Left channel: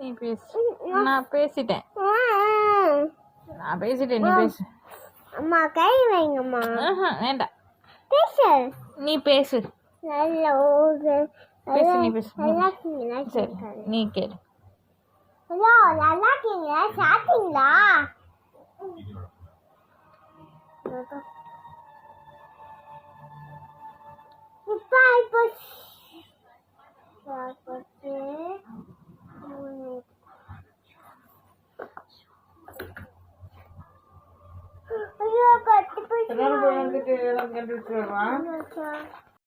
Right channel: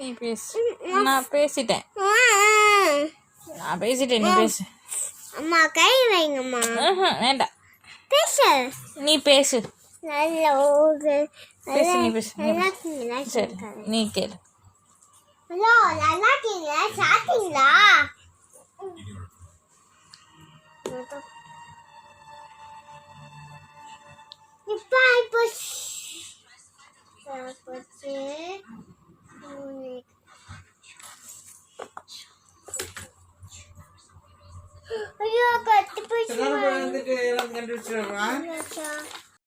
நீ பேசு. நான் பேசிட்டேன். நீ பேசு. அம்மா கை வைங்கம்மா. வேண்டாம், பேசு. நீ பேசு. பேசு, நீ பேசு. சரி, நீ கேளு. ஹலோ, நல்லா இருக்கீங்களா? சாப்பிட்டீங்களா? இப்போ ஐயோ கட்டி போச்சு.